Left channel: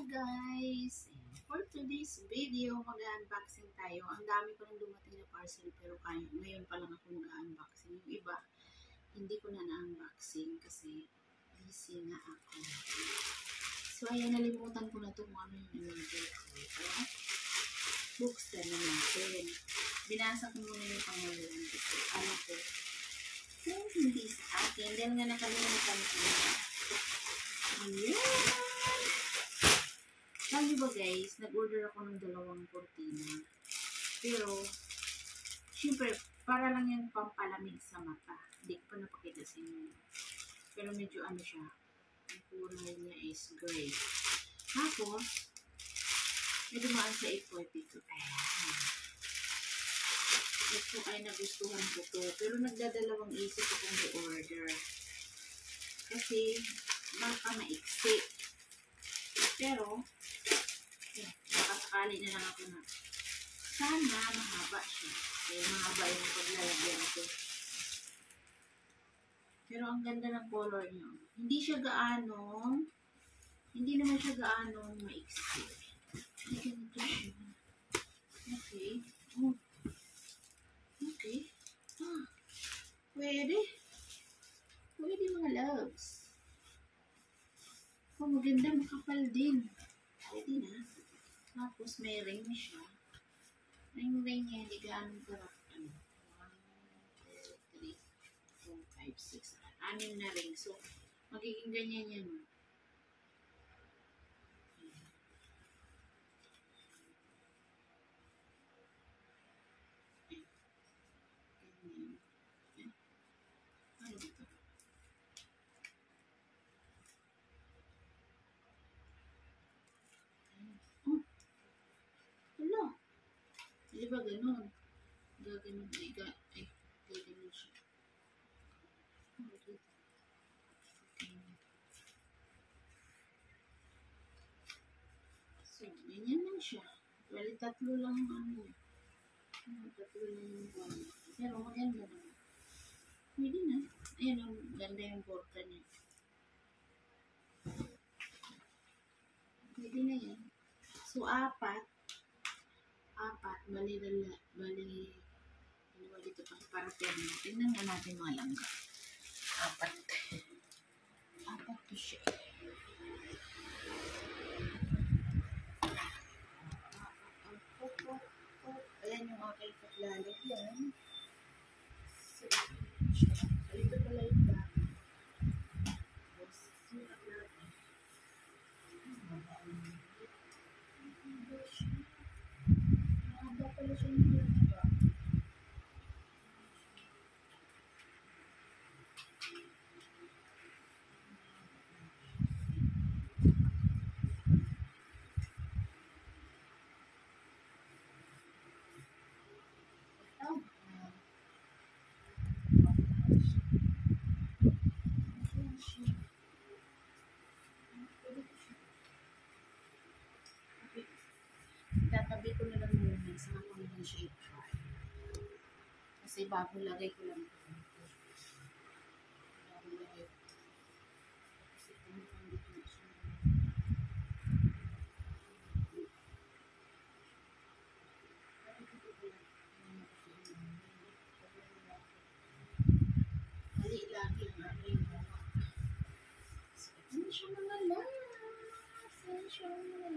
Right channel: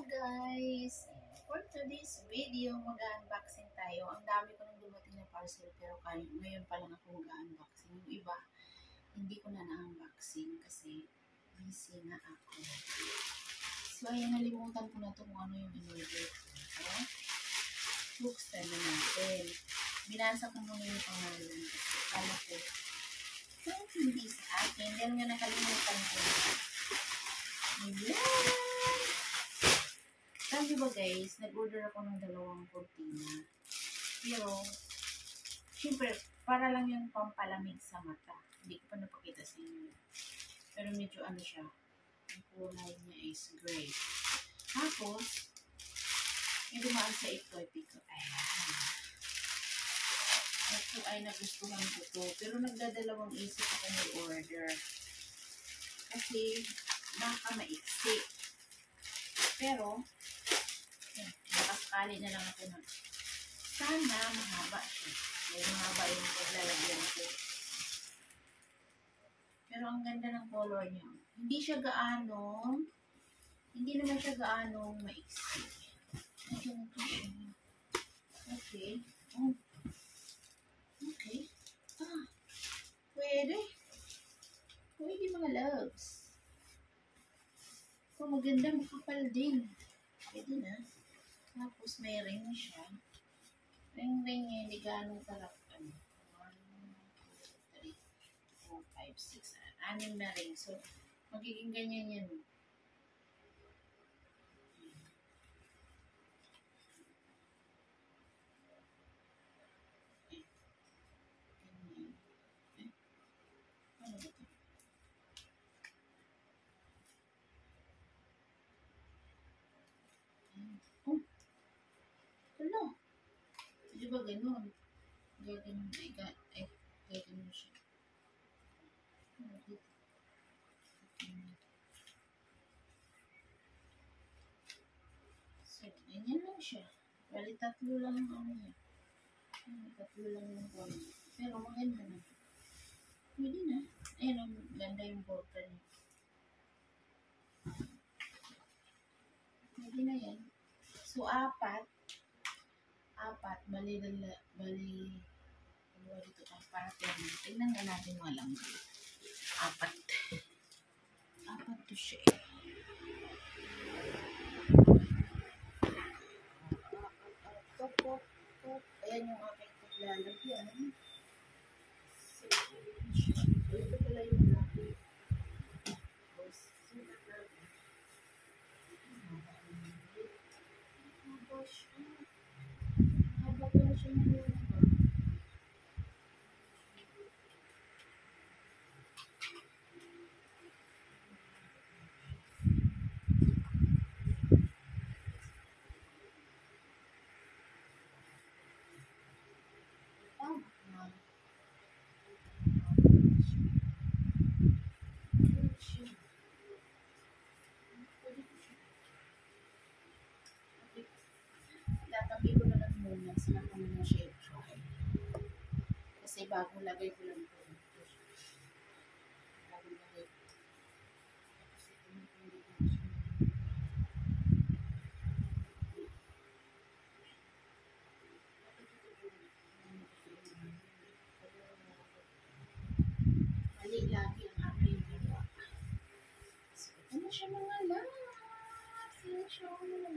Hello guys! For today's video, mag-unboxing tayo. Ang dami ko nang dumating na parcel pero ngayon pa lang ako mag-unboxing. Yung iba, hindi ko na na-unboxing kasi busy na ako. So ayan, nalimutan ko na to kung ano yung in-order ko. So, buksan na natin. Binasa ko muna yung pangalan kasi alam ko kung hindi sa akin. Dahil nga nakalimutan ko na. Ayan! Sabi ba guys, nag-order ako ng 2 kurtina. Pero, syempre, para lang yung pampalamig sa mata. Hindi ko pa napakita sa inyo. Pero medyo ano siya. Ang kulay niya is gray. Tapos, may dumaan sa FYP ko. Ayan. Ito ay nagustuhan ko to. Pero nagdadalawang isip ako may order. Kasi, baka maiksi. Pero, baka sakali na lang ako na sana mahaba siya. Kaya mahaba yung paglalagyan ko. Pero ang ganda ng color niya. Hindi naman siya gaanong maiksi. Ay, ganito siya. Okay. Oh. Okay. Pwede. Pwede mga loves. Maganda, makapal din. Pwede na. Tapos may ring siya. Ring niya, hindi ganong sarap. 1, 2, 3, 4, 5, 6. 6 na ring. So, magiging ganyan yan. Ganyan. Ano ba ito? Wala. Di ba ganun? Gaganon. Gaganon siya. So, ganyan lang siya. Bali, 3 lang ang ano niya. 3 lang yung buwan. Pero maganda naman. Pwede na. Ayan, ang ganda yung borda niya. Pwede na yan. So, 4. Bali, dalawa dito pang parating. Tingnan nga natin mga langga. 4 to siya. Ayan yung aking paglalagyan. So, ito pala yung dati. Mahaba pala siya ng langga. Tatabi ko na lang muna sa ako na siya i-try. Kasi bago lagay ko lang ito. Bago lagay ko. Kasi pinipin dito na siya. Mali lagi ang aking gawa. So, ito na siya mga loves. Ito na siya mga